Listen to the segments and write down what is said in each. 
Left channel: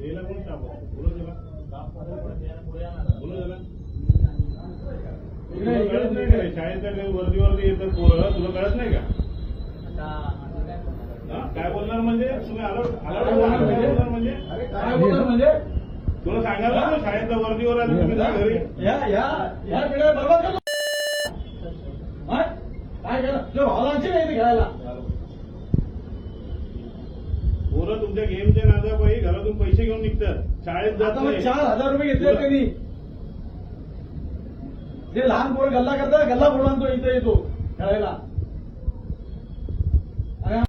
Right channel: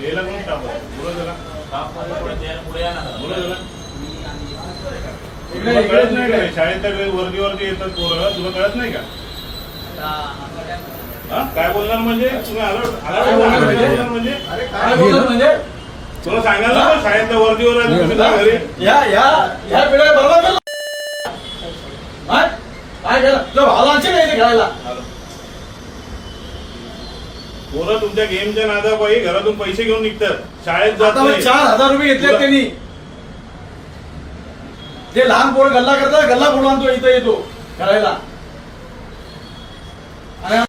द्यायला कोण स्टाफ बोला त्याला बोला त्याला तुला कळत नाही का शाळेत वर्दी येतात पोरं तुला कळत नाही का काय बोलणार म्हणजे तुम्ही म्हणजे तुला सांगायला ना शाळेतल्या वर्दीवर तुम्ही घरी पोरं तुमच्या गेमच्या नादापायी घरातून पैसे घेऊन निघतात शाळेत जात नाही. 4,000 रुपये घेतले त्यांनी जे लहान पोरं गल्ला करतात गल्ला पोरं आणतो इथं येतो खेळायला आणि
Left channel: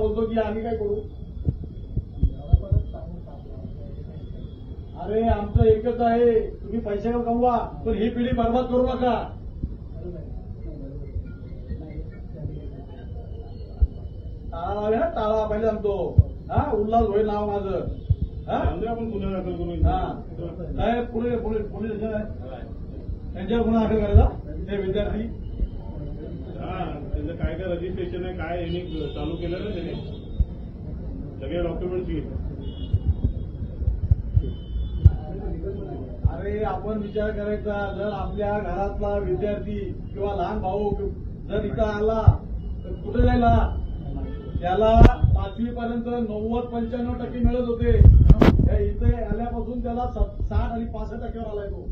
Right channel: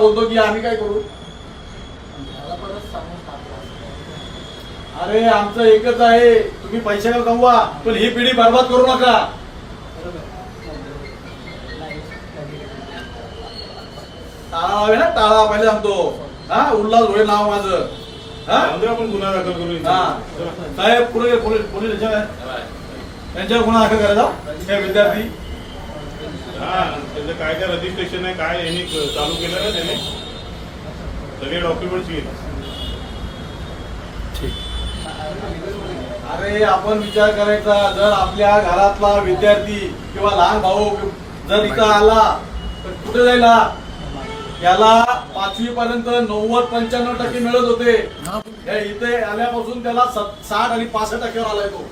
बोलतो की आम्ही काय करू. अरे आमचं एकच आहे तुम्ही पैसे कमवा पण ही पिढी बर्बाद करू नका. टाळा ना टाळा पहिले सांगतो. हा उल्हास घोडे नाव माझं. आपण गुन्हा दाखल करू. साहेब पुढे पोलीस त्यांच्यावर गुन्हा दाखल करायचा हे विद्यार्थी. हा त्याचं काय काय रजिस्ट्रेशन आहे काय यांनी चालू केलं ना त्याने सगळे डॉक्युमेंट्स घेत. अरे आपण विचार करायचा जर आपल्या घरातला विद्यार्थी किंवा लहान भाऊ जर इथं आला तर कुठे जायला याला 5वी पर्यंत 90-95% मिळत होते. इथे आल्यापासून त्याला 60 आणि 65% आलाय तो.